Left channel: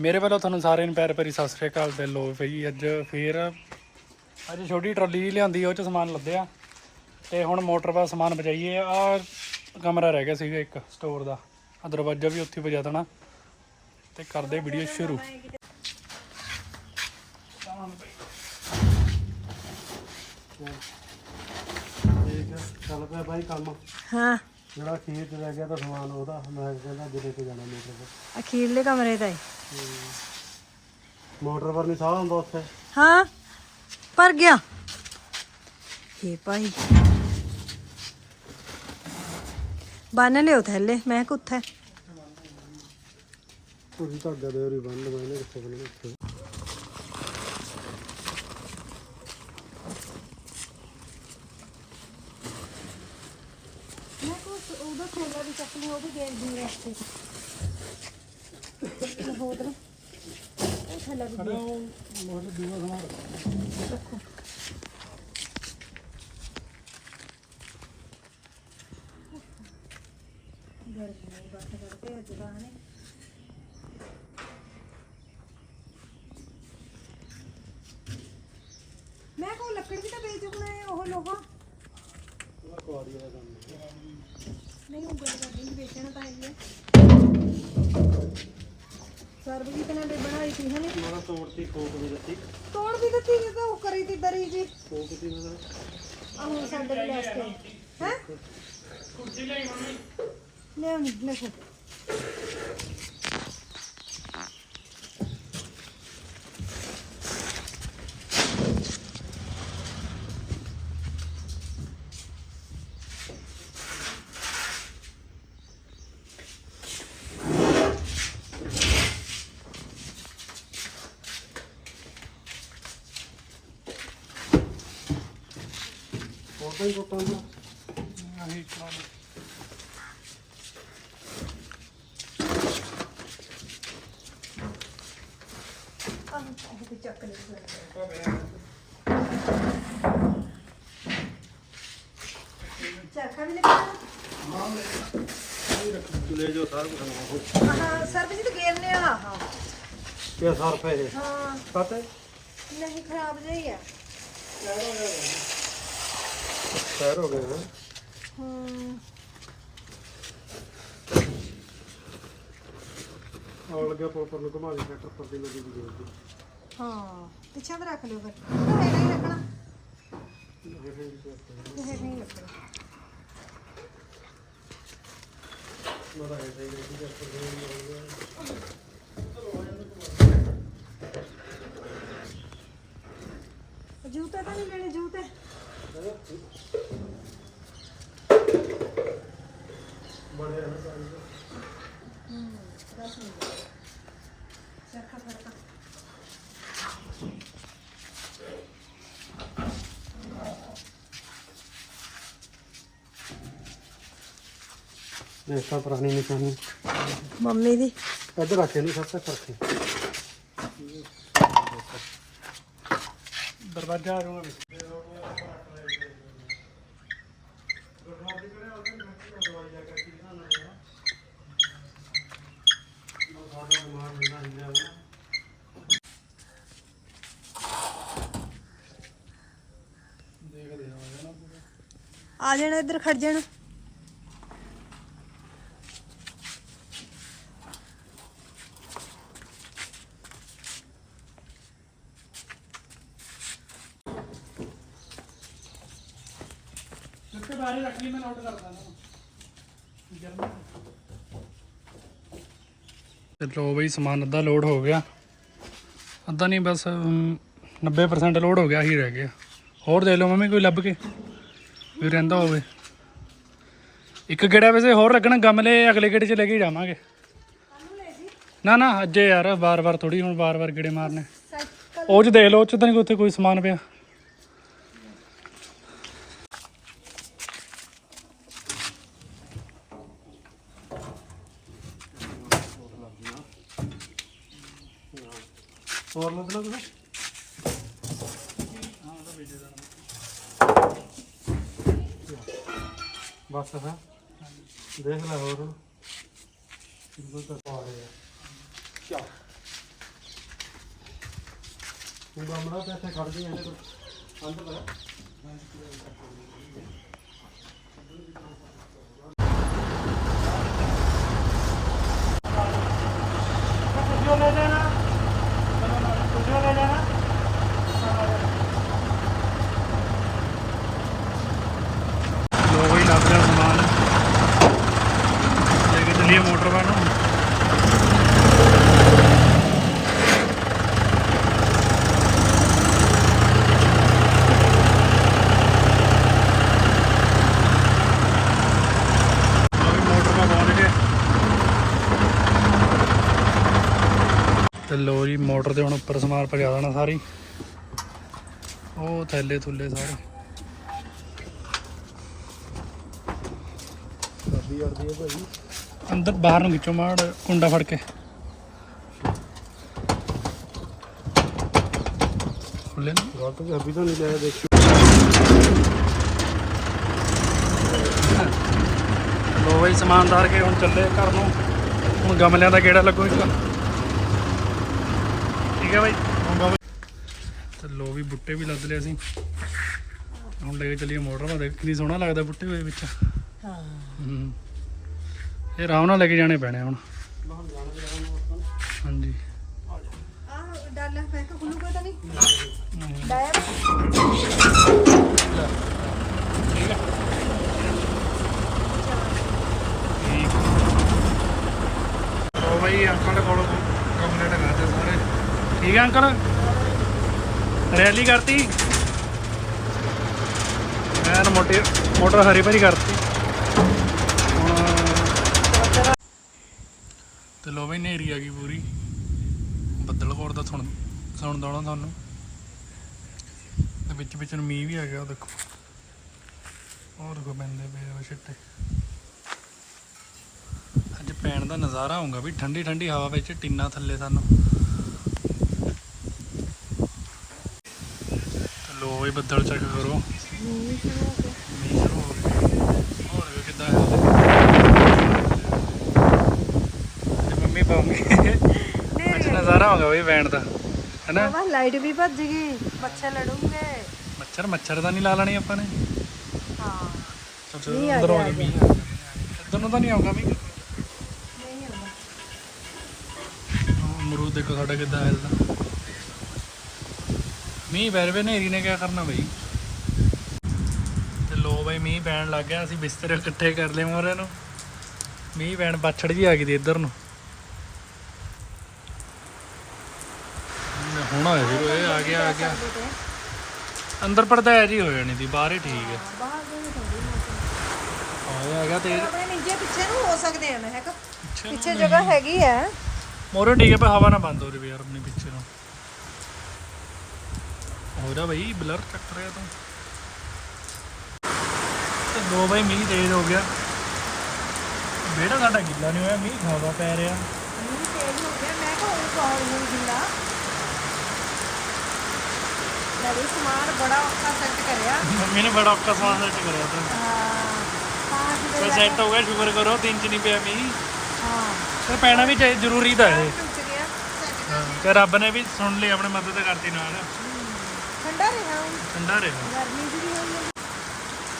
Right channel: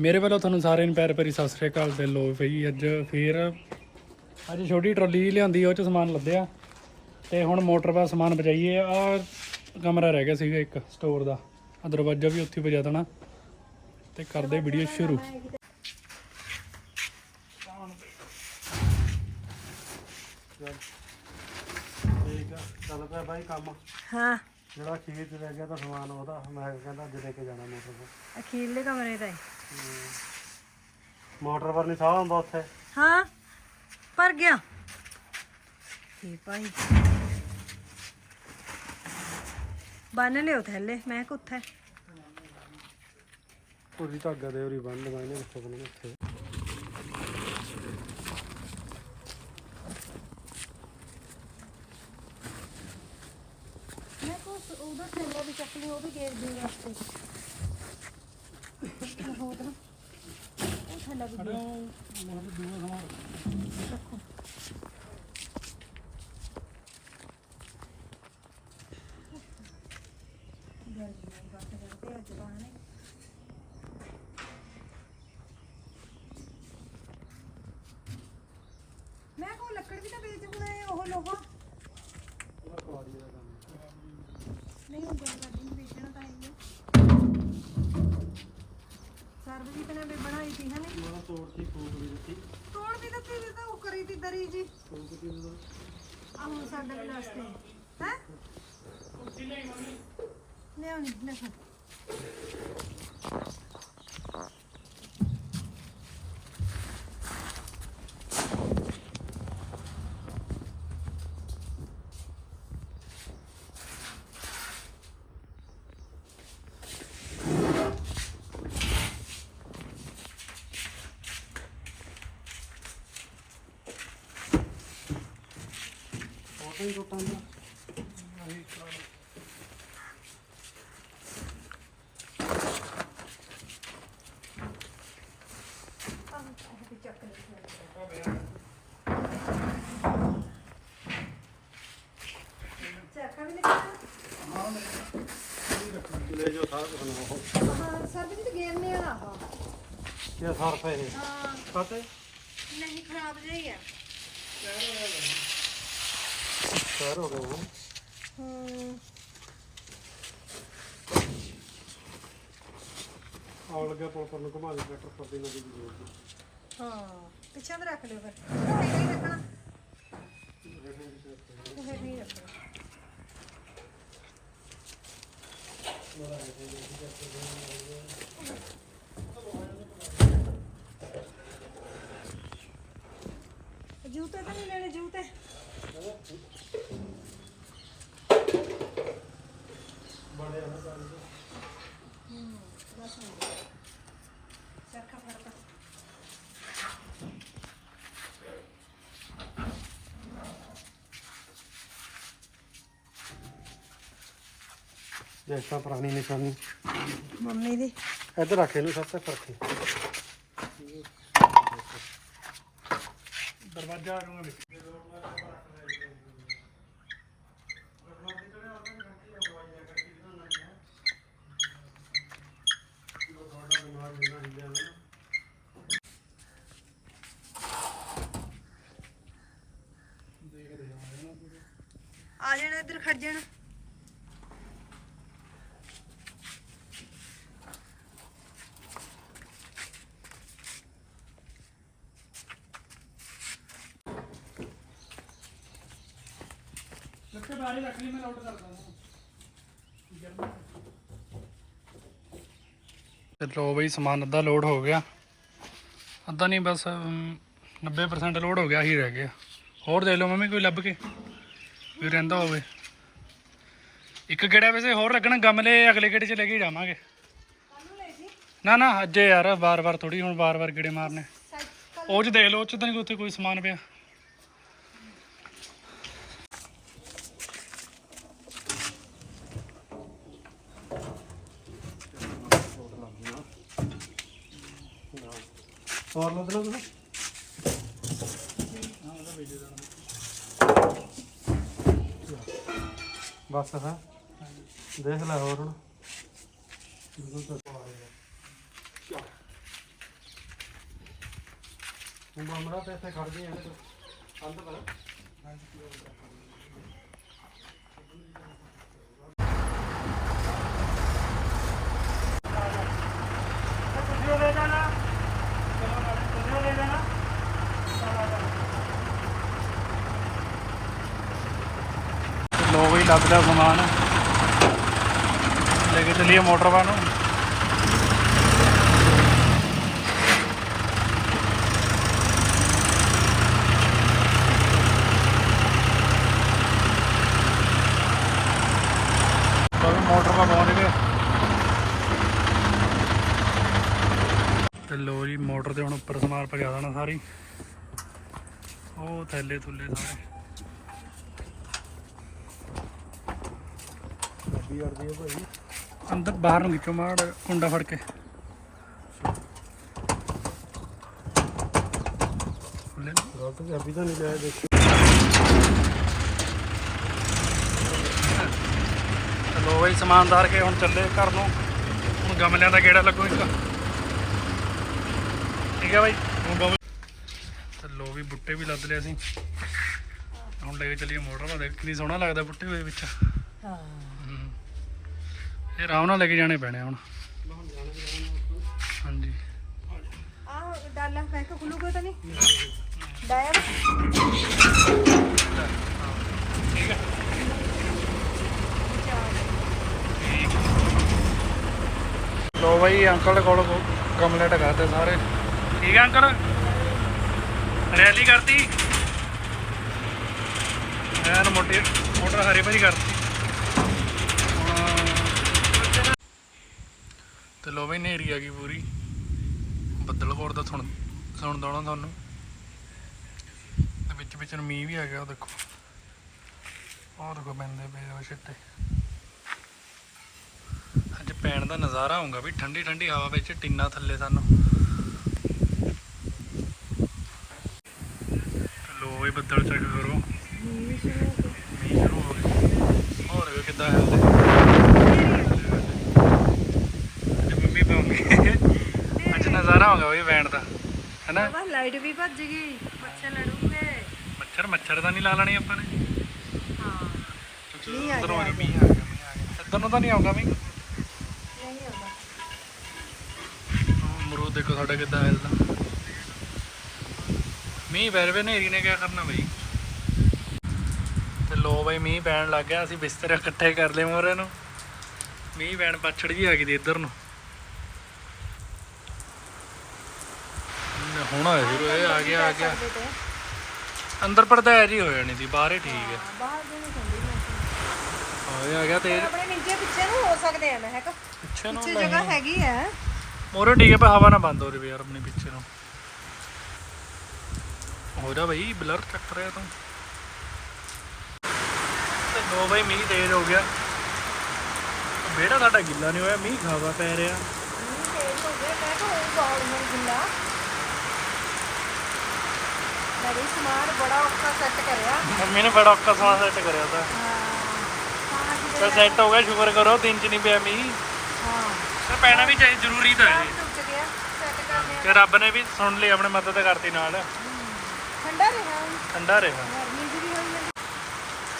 ਮੇਰੇ ਵੱਲੋਂ ਤੁਹਾਨੂੰ ਸਾਰਿਆਂ ਨੂੰ ਪਿਆਰ ਭਰੀ ਸਤਿ ਸ੍ਰੀ ਅਕਾਲ ਤੇ ਲੋ ਭਈ ਅੱਜ ਫੇਰ ਅੱਜ ਛੋਟੀ ਟਰਾਲੀ ਲਿਆਂਦੀ, ਉਹ ਚ ਸਮਾਨ ਲੱਦਿਆ ਤੇ ਹੁਣ ਮੋਟਰ ਦਾ ਸਮਾਨ ਬਚਾਈਏ ਆ ਕਮਰਾ ਰਹਿ ਗਿਆ ਸੀਗਾ ਇੱਕ ਸਟੋਰ ਦਾ। ਆ ਦਰਵਾਜ਼ਾ ਵੀ ਉੱਥੇ ਵਜਾ ਦੇਣਾ। ਤੇ ਕਰਦੇ ਵੀਡੀਓ ਸ਼ੁਰੂ। ਠੀਕ ਆ। ਚੱਲ ਪਿਆ ਬਾਈ ਕੰਮ। ਹਾਂ। ਜਿਹੜਾ ਖੇਤ ਰਹਿ ਗਿਆ ਤਾਂ ਸਮਾਨ ਉਹਦਾ ਮੈਂ ਕਹਿੰਦਾ ਲੈ ਕੇ ਜਾਣਾ ਮੋਟਰ ਪਰ ਅਖੀਰਲੇ ਕਮਰੇ ਦਾ ਮੋਟਰ ਪਰ ਨਹੀਂ ਸਾਹ ਹੁੰਦਾ ਉੱਥੇ? ਹਾਂ ਪਰ ਗਿਆ। ਇਹ ਭਾਈ। ਬੰਨ ਲਿਓ ਥੱਲੇ ਮੈਂ ਕੁੱਥਾ? ਉਹਦੀ ਧਾਗਾ ਦੇ ਉਹਦੀ ਬੰਨ ਬੰਨ ਉੱਥੇ ਬੰਨ ਉੱਥੇ ਮੈਂ ਕੋ ਉਹਦਾ ਥੱਲੇ ਵੀ ਚੱਕ ਲਈ ਵਾਸਤੇ ਹੋਰ ਉਹ ਥੱਲੇ ਵੀ ਖੜੋ ਮੋਟਰ ਦੂਆ ਸਮਾਨ ਰੱਖੋ ਗਰਮੀ ਨਹੀਂ ਕਰਦੇ ਅੱਜ ਬਾਹਨੇ ਤੋੜਤੀ ਖੋਕ ਵੀ ਦਿੱਤੀ ਤੋੜ ਵੀ ਦਿੱਤੀ ਵੀ ਤਾਂ ਉਹ ਕਰੀ ਤੀ ਦਰੀ ਜੀ। ਖੋਕ ਤੀ ਉਹਦਾ ਆਹ ਸਾਡੇ ਵੀ ਲਾਸਟ ਹੈ? ਹੈ ਲਿਆਉਣੀ ਦੇਖੋ। ਉਹਦਾ ਕੋਟਾਂ ਦਾ ਨਹੀਂ ਚਲਾਉਂਦੇ ਚਰਖਾ ਵੀ ਲਿਆ ਲੈ ਜੋ ਸਾਰਾ ਕੁਝ ਨਾ ਉਹ ਹਾਂ। ਸਰਬਜੀਤ ਗੇਰਨੇ ਵਾਲਾ ਹਾਂ ਕੀ ਸਰਫ ਹੈ ਇਹ? ਹਾਂ। ਪਤਾ ਨਹੀਂ ਖਰਾਬ ਜਿਹਾ ਹੀ ਹੈ ਸ਼ਹਿਰ ਹੋ ਗਏ ਹਾਂ ਹੂੰ। ਆਉਣ ਪੁਲ ਪਰ ਨੂੰ ਘੁਮਾ ਕੇ ਟਰੈਕਟਰ ਪਰ ਦੀ ਨਦੀ ਦੀ ਜੋੜ ਹਾਂ ਪਿੱਛੇ ਤੇ ਰੱਖ ਲਿਓ ਫਿਰ। ਉਹ ਤਾਂ ਮੇਰੇ ਹੀ ਰੱਖਣਾ। ਇਹ ਨਹੀਂ ਰੱਖਣਾ ਜੂਤੇ ਤਾਂ ਨਹੀਂ ਲੈਣੇ ਜੂਤੇ। ਬੜੇ ਆ ਨਾ ਪਾਣੀ ਦੇ। ਹੂੰ ਦੱਸ ਮਿੰਟ ਚਰਖਾ ਫੜਤਾ ਦੇਖ ਤਾਂ ਪੁਰਾਣੀ ਨਿਸ਼ਾਨੀ ਮੰਮੀ ਦੀ। ਇੱਧਰ ਰੱਖੇ ਨੂੰ ਸਭ ਤੱਕ ਰੱਖੇ। ਦਰਵਾਜ਼ਾ ਆ ਜਾਣਾ ਦੇਖਦੇ ਹਾਂ ਜਾਣਾ ਆ ਜਾਣਾ ਇੱਧਰ ਖੜ ਜਾਣਾ। ਤੇ ਬਾਰੇ ਰੱਖ ਲਈ ਮੈਂ ਲੋਡ ਕਰਦਾ ਨਾ ਤੇ ਲੋ ਬਈ ਸਮਾਨ ਅੱਧਾ ਲੋਡ ਹੋ ਗਿਆ। ਅੱਧਾ ਨਹੀਂ ਬਸ ਅਮ, 90% ਲੋਡ ਹੋ ਗਿਆ ਹੀ ਰਹਿ ਗਿਆ। ਹੋਰ ਦੇ ਲਓ ਮੰਮੀ ਕੋਈ ਲੱਭ ਕੇ। ਵੀ ਰਹਿੰਦਾ ਹੋਵੇ। ਇੱਕ ਗੇੜਾ ਵੈਸੇ ਹੋਰ ਲੱਗਣਾ ਗਮਲੇ ਅਗਲੇ ਗੇੜੇ 'ਚ ਲੈ ਕੇ ਜਾਵਾਂਗੇ। ਨਾ ਨਾ, ਅੱਜੇ ਯਾਰ, ਵਾਰ-ਵਾਰ ਥੋੜੀ ਹੁਣ ਵਾਰ-ਵਾਰ ਗੇੜੇ ਮਾਰਨੇ। ਉਹ 'ਚ ਦੇਖ ਲਓ, ਉਹ 'ਚ ਤਾਂ ਨਹੀਂ ਉੱਥੇ ਕੋਈ ਸਮਾਨ ਪਿਆ। ਹੋਰ ਲੱਦਣਾ ਬਸ ਹੈ। ਦੇਖ ਲੈ ਹੋਰ ਹੁਣ। ਬਿਲਕੁਲ ਤਾਂ ਆ ਗਿਆ ਚਾ ਤੂੰ ਬੰਮੜਾ ਤੇ ਇੱਥੇ ਖੜਦੀ ਇਹਦੇ ਕੋਲ। ਅੰਦਰ ਕਰ ਲੱਗ ਰਿਹਾ ਸਮਾਨ। ਲੈ ਕੇ ਚੱਲੀਏ ਮੋਟਰ ਵਾਲ ਨੂੰ ਮੋਟਰ ਤੇ ਲੋ ਜੀ, ਮੋਟਰ ਦੇ ਹੁਣ ਉੱਪਰ ਸਮਾਨ ਪਜਾ ਦੇਣਾ ਸਾਰੀ। ਉਹ ਥੈਲੇ ਥੁੱਲੇ ਸਾਰੇ। ਸਰਦੀ ਅੜਦੀ ਹੈ ਭਾਈ ਅੰਦਰ ਬਾਹਰ ਨੂੰ ਖਿੱਚੋ ਮਾੜ ਕੁੰਡਾ ਫੜ ਕੇ। ਖੁੱਲੇ ਨਾ? ਗਲਤ ਚਾਬੀ ਤਾਂ ਨਹੀਂ ਲਿਆ ਦੇਖੀ। ਲੋ ਬਈ ਸਮਾਨਦਾਰ ਕੇ ਹੁਣ ਚੱਲੇ ਘਰ ਨੂੰ। ਹੁਣ ਗਮਲਿਆਂ ਦਾ ਗੇੜਾ ਲੱਗੋ ਇੱਕ। ਠੀਕ ਹੈ ਬਾਈ? ਹੁਣ ਗਮਲੇ ਤੇ ਲੋ ਵੀ ਬੁੱਟੇ ਵੀ ਲੱਦ ਲਿਆ ਸੀ ਹੁਣ ਲੈ ਕੇ ਚੱਲੀਏ ਮੋਟਰ। ਨਾਲ ਦੇਖ ਕਿੰਨੀ ਸੋਹਣਾ ਲੱਗਦਾ ਬੁੱਟੇ ਵਿੱਚ। ਹੂੰ। ਇਹ ਆਰਾਮ ਨਾਲ ਲੈ ਕੇ ਜਾਣੇ ਪੈਣੇ ਹੁਣ। ਹਾਂਜੀ। ਆ ਡਾਲਾ ਲੋ ਬਾਈ, ਅੰਕਲ ਕੋਲ ਗਮਲੇ ਕਰਦੇ ਸਾਰੇ। ਠੀਕ ਹੈ ਅੰਕਲ? ਰੈਲੀ ਕਰਤੀ? ਐਨ ਮੋਟੇ ਮੋਟਰ ਹਰੀ ਭਰੀ ਕਰਤੀ ਹੁਣ ਤੇ ਲੋ ਬਈ ਨੇਰੀ ਆ ਗਈ ਪੂਰੀ। ਬੱਦਲ ਕੋਰ ਦਾ ਸੁਣ ਸੁਣਦਾ ਹੋਣਾ ਤੁਹਾਨੂੰ। ਤੇ ਵਿੱਚ ਵਿੱਚ ਨੂੰ ਮੀਂਹ ਵੀ ਆ ਗਿਆ ਉਹ ਦੇਖੋ। ਉਹ ਦੇਖੋ ਪੈਂਦੇ ਪਏ ਆ ਛਿੱਟੇ। ਅੱਜ ਪੈਣ ਦਾ ਨਜ਼ਾਰਾ ਆਉਂਗਾ ਵੀ ਠੰਡੀ ਠੰਡੀ ਹਵਾ ਵਿੱਚ ਟਿੰਨਾ ਥੱਲੇ ਸਾਨੂੰ। ਲੋ ਵੀ ਬੱਦਲ ਚੈੱਕ ਕਰੋ। ਮੀਂਹ ਸ਼ੁਰੂ ਹੋ ਗਿਆ। ਹੋਰ ਵੀ ਕਿੱਦਾਂ ਹਿਲਦੇ ਅੱਜ ਨਜ਼ਾਰਾ ਆਉਂਗਾ ਵੀ ਪੈਣ ਦਾ ਹੈਨਾ? ਬਾਬਾ ਲਾਈਟ ਵੀ ਭੱਜ ਗਈ ਮੱਛਰ ਲੜੂਗੇ। ਮੱਛਰ ਮੱਛਰ ਦਾ ਨਹੀਂ ਲਾ ਲੈਣੀ ਆਪਾਂ ਨੇ। ਹਾਂ। ਚਲੋ ਆ ਅੰਦਰ ਹੋ ਗਿਆ, ਜਾ ਮੀਂਹ ਆ ਗਿਆ ਆ ਗਿਆ। ਇੱਧਰ ਨੂੰ ਤਾਂ ਨਹੀਂ ਆਉਂਗਾ ਮੀਂਹ? ਅਮਰੂਦ ਦੇਖੋ ਸਾਡਾ ਕਿੱਦਾਂ ਹਿਲਦਾ ਮੀਂਹ ਪੈ ਰਵੇ ਨੇਰੀ ਨੇ ਕੀ ਕਰਨਾ ਬਈ? ਤੇ ਲੋ ਬਈ ਮੀਂਹ ਪੈਣ ਲੱਗ ਗਿਆ ਅਸੀਂ ਬਿਸਤਰੇ ਇਕੱਠੇ ਕਰ ਲਏ ਮੋਰੇ ਨੂੰ। ਮੀਂਹ ਪੈਣ ਬਾਛੜ ਜੀ ਆ ਗਈ ਦੀ ਇੱਧਰ ਨੂੰ। ਹੁਣ ਆਇਆ ਸੀ ਇਹ ਆ ਗਿਆ ਆ ਗਿਆ। ਅੰਦਰ ਪਰਦਾ ਜੀ ਹੋ ਜਾਣੀ ਦੀ ਬਾਹਰ ਹੀ ਠੀਕ ਹੈ। ਆ ਗਿਆ ਆ ਗਿਆ ਤੇਜ਼ ਆਪਣੇ ਨਿੱਜੇ ਪਿੱਛੇ ਨੂੰ ਹੋ ਸਕਦੇ ਆ ਮੈਂ ਹੈਗਾ। ਪਿੱਛੇ ਨੂੰ ਪਿੱਛੇ ਜਗ੍ਹਾ ਹੈਗੀ ਆ। ਮੋਰੇ ਠੀਕ ਹੈ ਪਰ ਹਵਾ ਨਾ ਬੰਦ ਹੋ ਰਹੀ ਯਾਰ ਆਪਣੇ ਪਿੱਛੇ ਨੂੰ। ਹੋ ਰਿਹਾ ਬਈ ਬਲਰ ਚੱਕ ਰਿਹਾ ਤੂੰ। ਤੇ ਦੋ ਬਈ ਮੀਂਹ ਤੇਜ਼ ਹੋ ਗਿਆ। ਬੇੜਾ ਸਾਡਾ ਗਿੱਲਾ ਨਹੀਂ ਹੋਇਆ ਮੀਂਹ ਖਾਵਾ ਪੈ ਰਿਹਾ। ਮੰਮੀ ਨੇ ਬੜਾ ਔਖਾ ਸਮਾਨ ਸੈੱਟ ਕਰਿਆ ਤਾਂ ਪਰ ਸੈੱਟ ਹੋ ਗਿਆ ਸ਼ੁਕਰ ਕਰੋ ਦਿਨ ਚ ਨਹੀਂ ਪਿਆ ਮੀਂਹ ਤਾਂ ਪੈਣਾ ਵੀ ਚਾਹੀ ਜ਼ਰੂਰੀ ਤਾਂ ਹੈ ਤੇ ਰੱਬ ਨੇ ਵੀ ਸੁਣ ਲਈ ਆਪਣੇ ਮਦਦ ਕਰਤੀ ਨਾਲ ਠੰਡਾ ਰਿਹਾ ਠੰਡਾ ਰਿਹਾ ਗਰਮੀ ਜੀ ਵੀ ਹੋਈ ਹੈ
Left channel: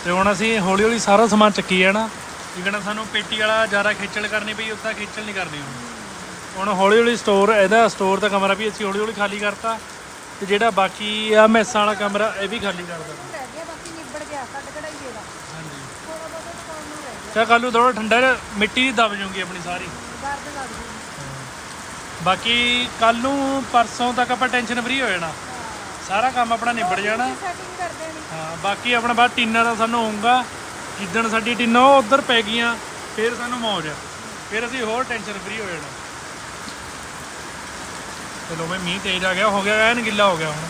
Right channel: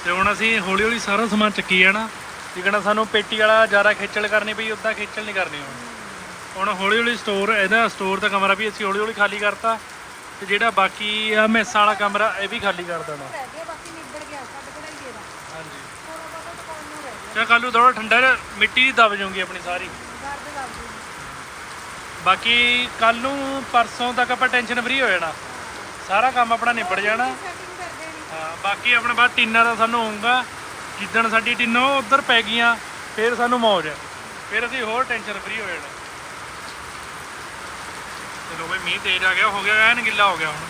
ਤੇ ਹੁਣ ਅਸੀਂ ਹੌਲੀ ਹੌਲੀ ਸਾਰਾ ਸਮਾਨ ਚੱਕੀ ਜਾਣਾ ਜਿਕਣਾ ਸਾਨੂੰ ਪੇਟੀ ਵਾਲਾ ਜ਼ਿਆਦਾ ਖੇਚਲ ਕਰਨੀ ਪਈ ਉੱਤਾ ਖੇਚਲ ਨਹੀਂ ਕਰਨੀ ਹੁਣ ਹੁਣ ਹੌਲੀ ਹੌਲੀ ਸਟੋਰ ਇਹਦਾ ਸਟੋਰ ਦਾ ਕਮਰਾ ਵੀ ਅਸੀਂ ਹੌਲੀ ਹੌਲੀ ਖਾਲੀ ਕਰਤਾ ਤੇ ਜਿਹੜਾ ਬਾਕੀ ਆ ਮੈਸਾਂ ਵਾਲਾ ਕਮਰਾ ਇਹ ਵੀ ਖਾਲੀ ਕਰ ਦੇਣਾ। ਰਹਿ ਗਿਆ ਬਾਕੀ ਨਿਬੜ ਗਿਆ ਕੱਢ ਕਢਾਈਏ ਦਾ। ਹਾਂਜੀ। ਥੋੜਾ ਬਹੁਤ ਟਾਈਮ ਹੀ ਰਹਿ ਚਾ ਕੱਲੂ ਥੋੜਾ ਠੰਡਾ ਜਿਹਾ ਮਿੱਟੀ ਦੀ ਦਬ ਜਾਊਗੀ ਆਪਣੀ ਸਾਰੀ। ਗਿਆ ਦਰਦ ਲੱਗਦੀ ਬਾਕੀ ਕੱਲ ਨੂੰ ਪਰਸੋਂ ਤੱਕ ਆਪਾਂ ਟੈਨਸ਼ਨ ਫਰੀ ਹੋ ਜਾਣਾ। ਸਾਰਾ ਕੰਮ ਆਪਣਾ ਨਿਬੜ ਜਾਣਾ। ਸੈਟਿੰਗ ਕਰ ਦੇਣੀ? ਹਾਂ ਬਾਕੀ ਆਪਣਾ ਬਾਅਦ ਟੀਨਾਂ ਦਾ ਸਾਨੂੰ ਹੋਊਗਾ। ਜਿੱਦਣ ਸਾਡੀ ਟੀਨਾਂ ਉਧਰ ਪੈ ਗਈਆਂ ਫਿਰ ਸਾਨੂੰ ਮੌਜ ਆ। ਫਿਰ ਅਸੀਂ ਹੋਰ ਟੈਨਸ਼ਨ ਫਰੀ ਹੋ ਜਾਣਾ। ਚਲੋ ਬਈ ਮੀਂਹ ਤੇਜ਼ ਆ ਗਿਆ, ਹੋ ਗਿਆ ਐਨ ਗਿੱਲਾ ਹੋ ਗਿਆ ਹੁਣ।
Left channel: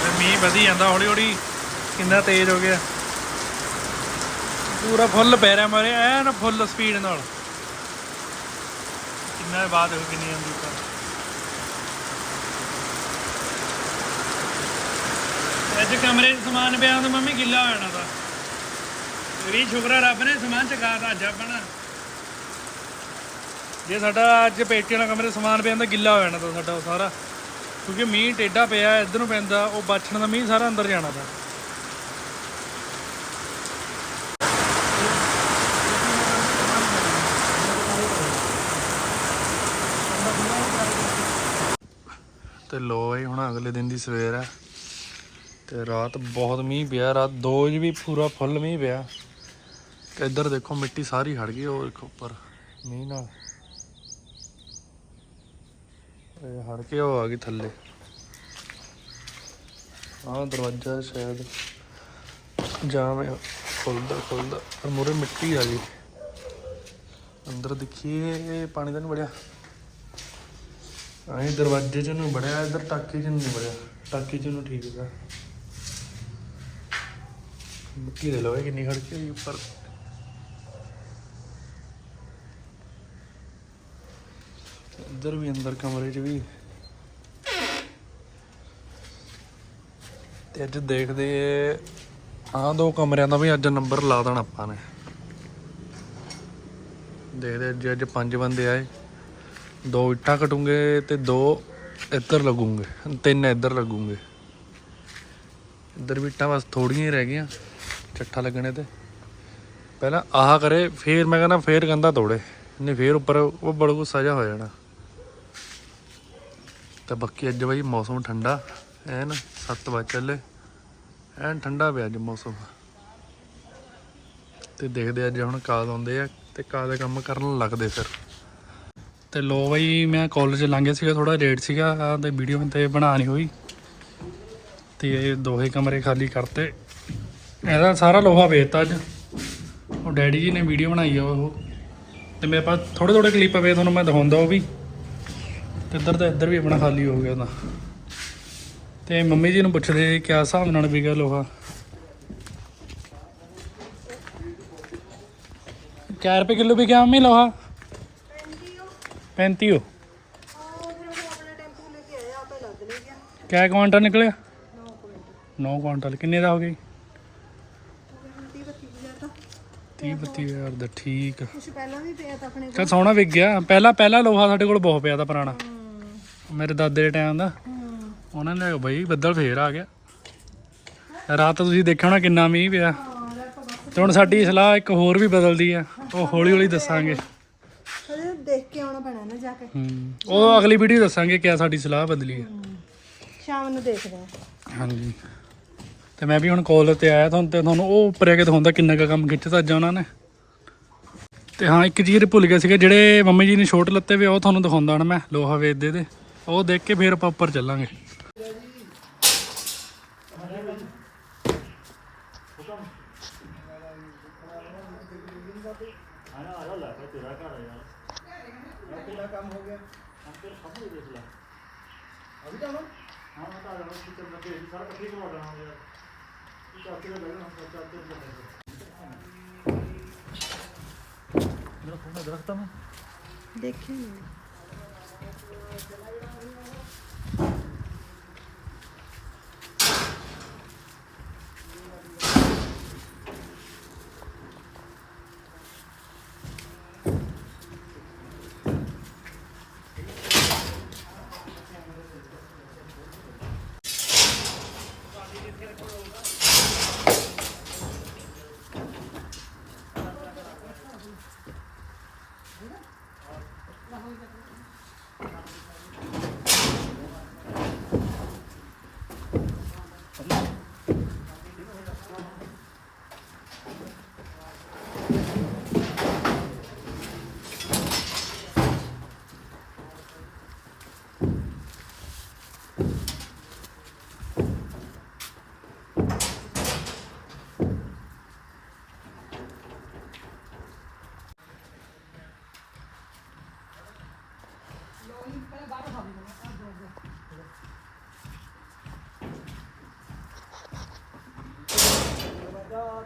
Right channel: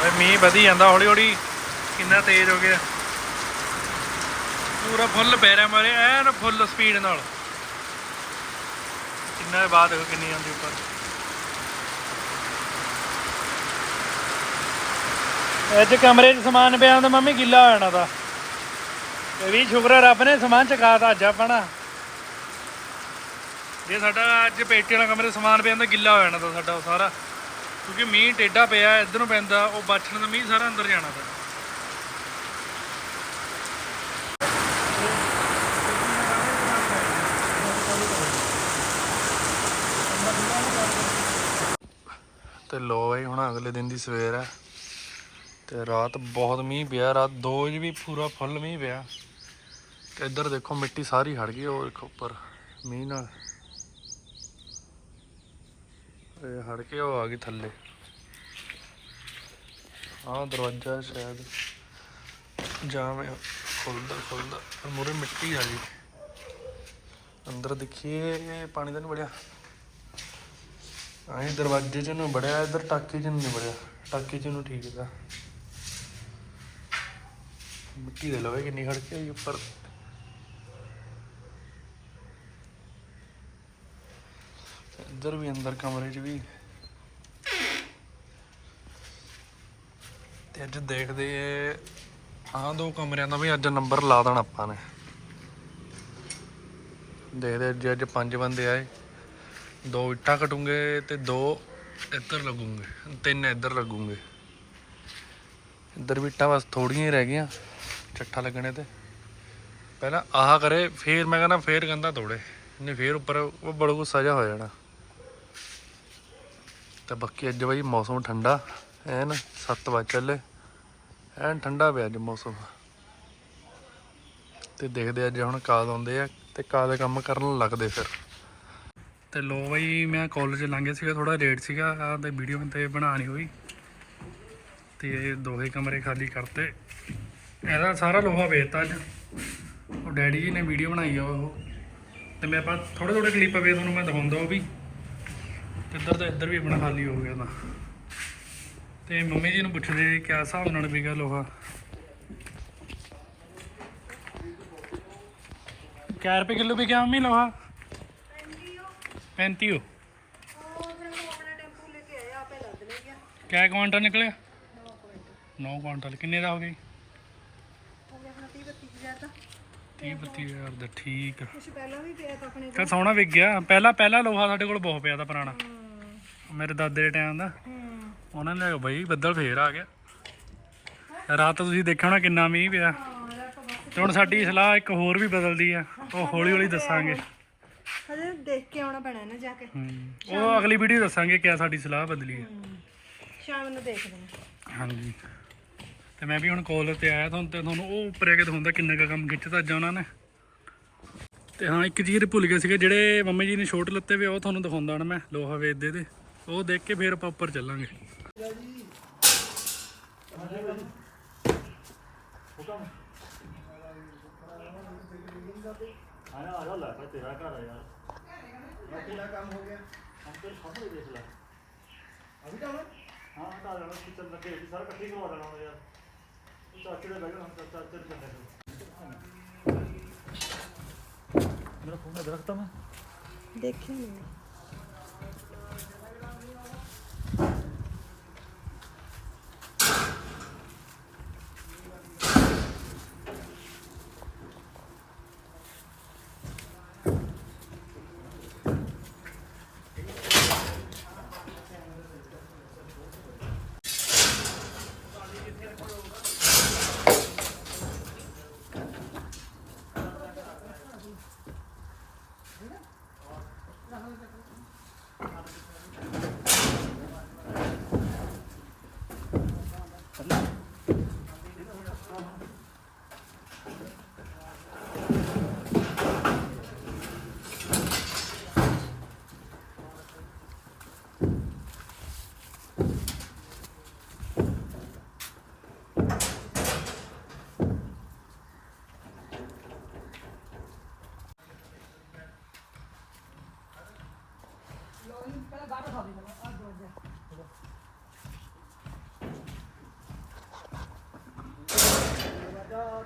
ਬਈ ਮੀਂਹ ਵਧੀ ਜਾਂਦਾ ਹੌਲੀ ਹੌਲੀ ਕਿੰਨਾ ਤੇਜ਼ ਹੋ ਗਿਆ। ਪੂਰਾ ਫੁੱਲ ਪੈ ਰਿਹਾ ਮਾਰੇ, ਐਨ ਫੁੱਲ ਸਪੀਡ ਨਾਲ। ਕਿੰਨਾ ਬਾਅਦ ਦੇਖੋ ਕਿੰਨੀ ਆਉਂਦੀ ਉੱਪਰ। ਅੱਜ ਕਮਰੇ 'ਚ ਸਮਾਨ ਪਿਆ ਹੁੰਦਾ, ਮੰਮੀ ਗਿੱਲਾ ਹੋ ਜਾਣਾ ਤਾਂ। ਇਹ ਵੀ ਸ਼ੁਕਰ ਰੱਬ ਨੇ ਸਮਾਨ ਚਕਾਤਾ ਅੱਜ ਆਪਣਾ ਜੇ ਸਾਡਾ ਅੱਜ ਪੇਟੀਆਂ ਦਾ ਕਮਰੇ ਸਮਾਨ ਪਿਆ ਜਾਂਦਾ ਗਿੱਲਾ ਹੋ ਜਾਣਾ ਤਾਂ ਸਾਡਾ ਉਹ ਸਾਰਾ। ਕਿਉਂਕਿ ਮੀਂਹ ਟੇਢਾ ਪਿਆ, ਇੱਧਰ ਨੂੰ ਪੈਂਦਾ, ਉਹ ਬਚਣ ਦਾ ਮੀਂਹ ਸਾਰਾ ਅੰਦਰ ਜਾਣਾ ਪਿਆ। ਤੇ ਲੋ ਬਈ, ਹੁਣ ਅਗਲੇ ਦਿਨ ਦੀ ਸਵੇਰ ਹੈ ਤੇ ਰਾਤ ਬਹੁਤ ਮੀਂਹ ਪਿਆ, ਰਾਤ 2 ਵਜੇ ਵੀ ਪੂਰਾ ਫੁੱਲ ਮੀਂਹ ਪਿਆ। ਤੇ ਇੱਧਰ ਦੇਖੋ ਮਿੱਟੀ ਸਾਰੀ ਹੜ ਗਈ, ਉਹ ਦੇਖੋ ਉੱਪਰ, ਮੀਂਹ ਨਾਲ। ਇਹ ਹੜ ਕੇ ਉਹ ਆ ਗਈ ਥੱਲੇ। ਆਹ ਦਰਵਾਜ਼ਾ ਸ਼ਾਇਦ ਜਾਮ ਹੈ ਖੁੱਲਦਾ ਖੁੱਲਦਾ, ਪਰ ਮੂਰੇ ਮਿੱਟੀ ਆ ਗਈ। ਅੰਦਰ ਦੇਖੀਏ ਪਾਣੀ ਤਾਂ ਨਹੀਂ ਵੜਿਆ। ਆਹੀ ਦਰਵਾਜ਼ੇ 'ਚ ਨੂੰ ਵੜਿਆ, ਇੱਧਰ ਟਾਕੀ 'ਚ ਨੂੰ ਨਹੀਂ ਵੜਿਆ। ਟਾਕੀ 'ਚ ਨੂੰ ਠੀਕ ਹੈਗਾ ਮਿੱਟੀ ਦੇ ਲੋਏ ਕਿੰਨੀ ਖੜ ਕੇ ਉੱਪਰ। ਇੱਧਰ ਵੀ ਅੰਦਰ ਕਮਰੇ 'ਚ ਵੀ। ਤੇ ਅੱਜ ਦੇਖਦੇ ਆਹ ਦੋ ਕਮਰਿਆਂ ਦਾ ਵੀ ਅੱਜ ਨੰਬਰ ਲਾ ਦੇਣਾ ਆਪਾਂ ਨੇ। ਦੇਖਦੇ ਅੱਜ ਅੱਜ ਪੰਜ ਬੰਦੇ ਆਏ, ਦੋ ਇੱਟਾਂ ਕਟੂੰਗੇ ਤੇ ਦੋ ਇੱਧਰ ਲੱਗੂਗੇ, ਤਿੰਨ ਇੱਧਰ ਲੱਗੂਗੇ। ਇੱਧਰ ਵੀ ਇੱਟਾਂ ਬਸ ਥੋੜੀਆਂ ਹੀ ਰਹਿ ਗਈਆਂ। ਚੱਠਾ ਲੱਗਣੇ ਤੇ। ਪਹਿਲਾਂ ਆਹ ਕਰੇ, ਫੇਰ ਮੈਂ ਕਹਿੰਦਾ ਫੇਰ ਕੰਧਾ ਤੋੜੇ। ਨਹੀਂ, ਫੇਰ ਉੱਪਰ ਉਹ ਬੜਾ ਕੁ ਸਜਾ ਹੋ ਜਾਣਾ। ਤਾਂ ਬਾਕੀ ਅੱਜ ਬਈ ਮੌਸਮ ਠੰਡਾ। ਐਨ 7 ਵਜੇ ਚੱਲੇ। ਐਨ ਠੰਡਾ ਪਿਆ ਅੱਜ ਮੌਸਮ। ਤੇ ਦੇਖਦੇ ਅੱਜ ਹੁਣ ਕਾਦ ਆਉਂਦੇ ਆ ਤੇ ਕਾਦ ਕੰਮ ਕਰਨ ਲੱਗਦੇ ਫਿਰ। ਤੇ ਲੋ ਬਈ, ਮੈਂ ਕਾਲਜ ਲੰਘਿਆ ਸੀਗਾ ਥੋੜਾ ਲੇਟ ਸੀਗਾ। ਆਹ ਤੇ ਵੀਡੀਓ ਤੇ ਬਣਾ ਨਹੀਂ ਹੋਈ। ਤੇ ਦੋਹੇ ਕਮਰੇ ਖਾਲੀ ਕਰਤੇ। ਇਹਦਾ ਸਾਰਾ ਲੋਹਾ ਵੇਚਤਾ ਅੱਜ। ਉਹ ਡੈਡੀ ਜੀ ਨੇ ਵੀਡੀਓ ਬਣਾਈ ਆ ਉਹ। ਤੇ ਮੇਰੇ ਪਾਸ ਥੋੜੇ ਥੋੜੇ ਕਲਿੱਪ ਵੇ ਤੁਹਾਨੂੰ ਮੈਂ ਦਿਖਾਉਂਦਾ ਉਹ ਵੀ। ਤੇ ਇੱਧਰ ਤੇ ਇੱਧਰ ਵੀ ਆਪਣਾ ਖਾਲੀ ਹੋ ਗਿਆ ਤਾਂ ਤੇ ਮੰਮੀ ਜੀ ਨੂੰ ਪੁੱਛਦੇ ਕਿਆ ਹਿਸਾਬ ਨਾਲ ਵਿਕਿਆ ਲੋਹਾ। ਕਿਆ ਰੁਪਏ ਕਿਲੋ ਵਿਕਿਆ ਮੰਮੀ ਲੋਹਾ? 35 ਹੋ ਉਹ ਫਿਰ ਕਿਆ ਕੁਆਂਟਲ ਨਿਕਲਿਆ? 9 ਕੁਆਂਟਲ। ਕਿੰਨੇ ਦਾ ਹੋ ਗਈ ਹੋ ਗਿਆ ਹੁਣ 30 32 ਹਜ਼ਾਰ ਤਾਂ 30 32000 ਦਾ ਠੀਕ। ਆ ਕੁਛ ਪਹਿਲਾਂ ਵੀ ਪਿਆ ਤਾਂ ਆਪਣੇ ਕਾ ਸੋਹਣਾ ਵਿਕ ਗਿਆ। ਪਹਿਲਾਂ ਪਹਿਲਾਂ ਲੋਹਾ ਸਾਡੇ ਕੋਲ ਬਹੁਤ ਪਿਆ ਦਾ ਪੁਰਾਣਾ। ਮੇਰੇ ਦਾਦੇ ਦੇ ਟਾਈਮ ਦਾ। ਉਹਨਾਂ ਨੇ ਬਈ ਬੱਦਲ ਫੇਰ ਆ ਗਿਆ। ਰਾਤ ਤੁਸੀਂ ਦੇਖਿਆ ਹੋਣਾ ਕਿੰਨਾ ਮੀਂਹ ਪਿਆ। ਹਾਂ ਯਾਰ ਤਾਂ ਬਸ ਤੇ ਹੁਣ ਸਾਡੀ ਸਲਾਹ ਇੱਕ ਹੋਰ ਵੀ ਬਦਲਦੀ ਆ। ਉਹ ਹੌਲੀ ਹੌਲੀ ਦੱਸਾਂਗੇ। ਹਜੇ ਦੇਖ ਕੇ ਆਉਣਾ ਪੈਣਾ ਨਾ ਜਾ ਕੇ। ਹੂੰ। ਉਹ ਅਗਲੀ ਵੀਡੀਓ ਦੱਸਾਂਗੇ ਕਿਆ ਸਾਡੀ ਸਲਾਹ ਬਦਲੀ ਹੂੰ। ਸ਼ਾਮ ਨੂੰ ਦੇਖਦੇ ਆ। ਹਾਂਜੀ। ਤੇ ਮੈਂ ਵੀ ਹੁਣ ਕਾਲ ਤੇ ਆਇਆ ਤੁਹਾਨੂੰ ਤੇ ਤੁਹਾਨੂੰ ਉਹ ਉੱਪਰ ਆ ਕੇ ਦਿਖਾਉਂਦਾ ਕਿੰਨਾ ਕੁ ਕੰਮ ਖਿੱਚਤਾ ਅੱਜ ਉਹਨਾਂ ਨੇ। ਤੇ ਹਾਂ, ਇੱਕ ਚੀਜ਼ ਭੁੱਲ ਗਿਆ ਸੀਗਾ, ਜਿਹੜੇ ਮੰਮੀ ਜੀ ਨੇ ਛੋਟ ਲੱਤੇ ਵੇ, ਉਹ ਤੁਹਾਨੂੰ ਦਿਖਾਉਂਦਾ ਹੁਣ ਮੈਂ, ਲੋਹਾ ਵੇਚਦੇ ਦੇ ਉਹ ਦੇਖ ਕੇ ਫਿਰ ਆਪਾਂ ਉੱਪਰ ਚੱਲਾਂਗੇ। ਦੇਖੀ ਨਹੀਂ ਸਾਰੇ ਟਾਈਮ ਦੀ ਲੈ ਲਵਾਂ ਮੈਂ।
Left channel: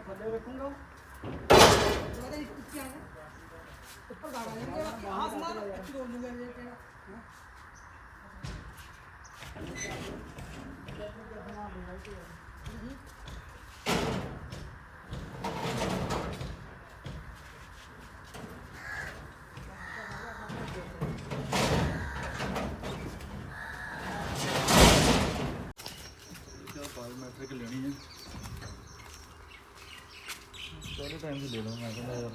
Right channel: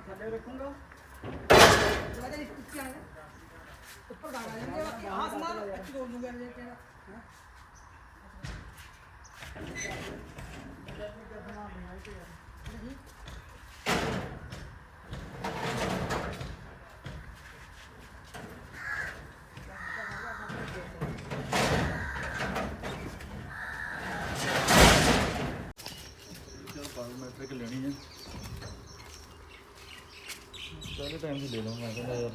ਥੱਲੇ ਰੱਖੂੰਗਾ ਮੈਂ ਤੇਰੀ ਕੁੱਤੀ ਆਇਆ ਉੱਪਰ ਦਾਵਾ ਨਹੀਂ ਜਿਹੜਾ ਆਹ ਸਮਾਨ ਅੱਛੀ ਤੋੜ ਲੂੰਗਾ ਜੇ ਕਿਹੜਾ ਹਾਂ। ਕਹਿੰਦਾ ਯਾਰ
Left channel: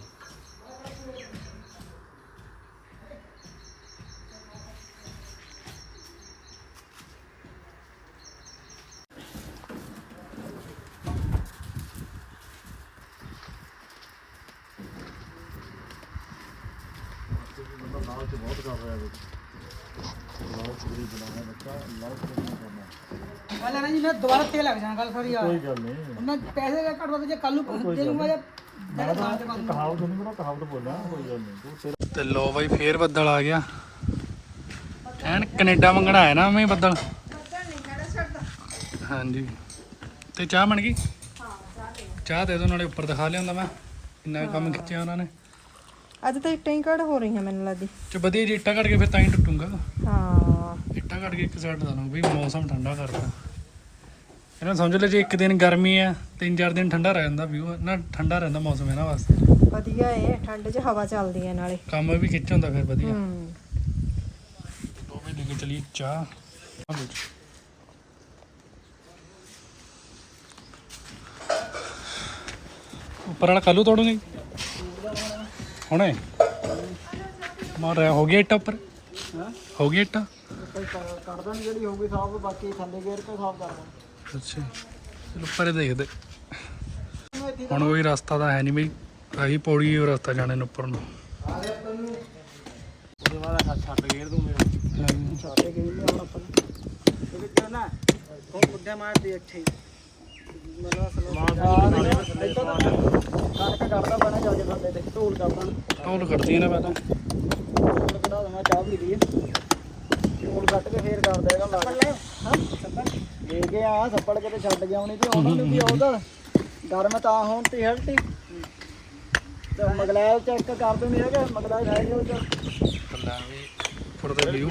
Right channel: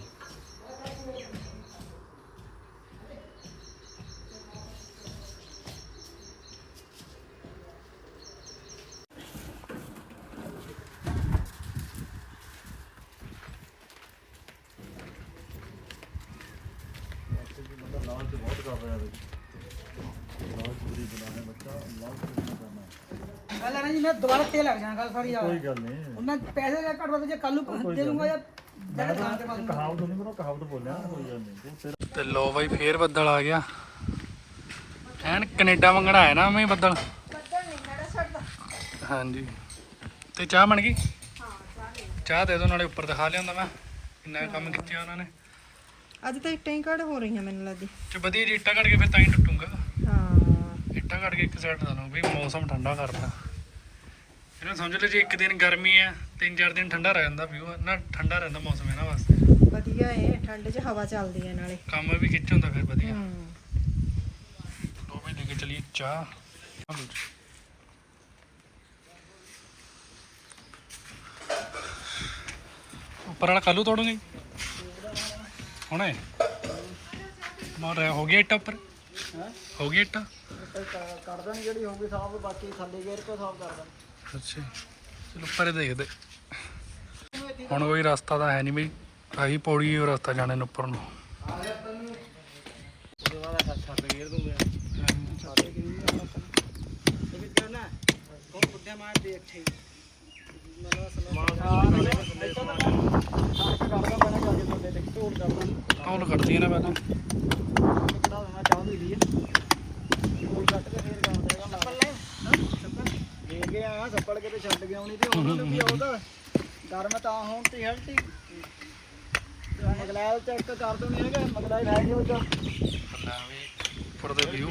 ਲਾਲਚ ਬਹੁਤ ਕਰ ਰਿਹਾ ਬਈ ਲਾਲਚ ਗਰੀਬ ਬਣਾਇਆ ਬੱਚਾ ਲਾਲਚ ਕਿੰਨਾ ਕਰਨਾ ਗੱਲ ਹੈ ਨਾ ਜੀ ਮੈਂ ਦੁਬਾਰਾ ਤੇਲ ਲੱਗ ਜਾਣਾ ਗੱਲ ਸਾਰੀ ਆ ਕੋਈ ਗੱਲ ਨਹੀਂ ਮੈਂ ਪੈਸੇ ਦੇ ਘੱਟ ਵੱਧ ਜੇ ਕੱਲ ਨੂੰ ਦੇ ਦੂੰਗਾ ਜਾਂ ਜਿਹੜੇ ਖਾਣ ਤੇ ਬਾਅਦ ਕਹਾਵਤ ਨਹੀਂ ਮੇਰਾ ਕਹਾਵਤ ਬੋਲਾਂ ਕੋਈ ਗੱਲ ਨਹੀਂ ਤੂੰ ਲੋ ਬਾਈ ਫੇਰ ਬੱਦਲ ਆ ਗਿਆ। ਐਨ ਕੈਨੇਡਾ ਮੰਗਣਾ ਆਇਆ ਨਾ ਮੈਂ ਬੱਦਲ। ਹਾਂਜੀ। ਤੇ ਚਾਹ ਬਣ ਗਈ? ਚਾਹ ਦੇ ਦੋ ਨਾਲੇ ਉੱਪਰ ਦਿਖਾ ਲਿਆਉਂਦਾ ਮੈਂ। ਕਿੰਨਾ ਕੁ ਕੰਮ ਖਿੱਚਿਆ ਉਹਨਾਂ ਨੇ। ਅੱਜ ਤਾਂ ਇੱਟਾਂ ਹੀ ਘੜ ਹੋ ਰਹੀਆਂ ਮੈਨੂੰ ਲੱਗਦੀ। ਤੇ ਵਧੀਆ ਜੀ ਇੱਟਾਂ ਕੱਢ ਕੇ ਫਿਰ ਤਾਂ ਹੀ ਟੁੱਟੂਗਾ। ਹਾਂ। ਇੱਟਾਂ ਕੱਢ ਕੇ ਇੱਕ ਸਾਈਡ ਦਾ ਲਓ ਵੀ ਮੌਸਮ ਠੰਡਾ ਕਰਦਾ ਇਹਨਾਂ ਸਮਝ ਲਓ ਜੇ ਇੱਕ ਦਿਨ ਗਰਮੀ ਆ ਤਿੰਨ ਚਾਰ ਦਿਨ ਠੰਡਾ ਰਹਿ ਜਾਂਦਾ ਵੀਊ ਨਾ ਠੰਡਾ ਰਹਿੰਦਾ ਮੌਸਮ ਇਹਨਾਂ ਵਾਸਤੇ। ਵਧੀਆ ਏ ਠੰਡ 'ਚ ਹਵਾ ਚੱਲਦੀ ਹੈ ਨਾਲੇ। ਕੰਮ ਵੀ ਖਿੱਚ ਹੁੰਦਾ ਫਿਰ ਵਧੀਆ। ਹੂੰ। ਲੋ ਵੀ ਲੈ ਕੇ ਚਲੀਏ ਚਾਹ। ਉੱਪਰ ਵਾਲਾ ਕੱਲੂ ਤੋੜੂਗੇ? ਹੁਣੇ? ਮਾਰ ਰਿਹਾ ਹੋ ਗਿਆ ਇੱਟਾ ਉੱਪਰ। ਹੋ? ਗਿਆ ਇੱਟਾ? ਕਰ ਦੇਣੀ ਜਿਹੜੀ ਹੋਊਗੀ ਸਾਫ਼ ਬਾਕੀ ਥੱਲੇ ਗੇਰ ਕੇ ਸਾਫ਼ ਕਰ ਦਾਂ ਅੱਛਾ ਚਲੋ ਉੱਪਰ ਹੀ ਦੇਖਦੇ। ਹੁਣ ਕੋਈ ਰਸਤਾ ਤਾਂ ਹੈ ਨਹੀਂ ਬਈ। ਆਹੀ ਪੌੜੀ ਉਹ ਰਸਤਾ ਜਾਣੇ ਨੂੰ ਉੱਪਰ ਨੂੰ। ਇਹਦੇ ਵਾਲਾ ਛੱਡ ਗੇਰ ਦੂੰ ਮੈਂ ਛਾਤੇ ਕਿਉਂ ਨਹੀਂ ਆਉਣਾ ਆਪਾਂ ਇਹ ਕਿਉਂ ਨਾ ਉਹ ਬੁੱਢਾ ਮਾਰ ਦੇ ਅੱਛੇ ਮਾਂ ਨੂੰ ਨਾਲੇ ਥੱਲੇ ਸਮਾਨ ਕਰਦਾ ਬਣਾ ਜਾ ਕੇ ਥੱਲੇ ਤੇ ਢੋਲ ਕਰਦਾ ਟੌਲ ਕੱਢਦੀ ਨਾ ਪਤਾ ਢੋਲ ਕਢਾ ਦੇਣਾ ਚਾਹ ਪੀ ਲਈਏ ਢੋਲ ਕੱਟ ਕੇ ਫੇਰ ਕਰ ਦੇਗਾ ਲਾ ਦੇ ਗਿਆ ਥੱਪੜ ਕੇ ਤੇ ਛੱਡ ਗਿਆ ਉਹਨੇ ਤੇ ਉਹਨਾਂ ਨੂੰ ਵੀ ਉਹਦਾ ਡਰ ਮੈਂ ਤਾਂ ਹੁਣ ਤੇ ਹਲਟੀ ਤੇ ਮਗਲਾਇ ਚੈੱਕ ਕਰ ਦੋ ਨਹੀਂ ਹੈਗਾ ਮਗਲਾਇ ਹੈ ਨਹੀਂ ਉਹ ਚ। ਲੈ ਵੀ ਉੱਪਰ ਦੇ ਵਿਊ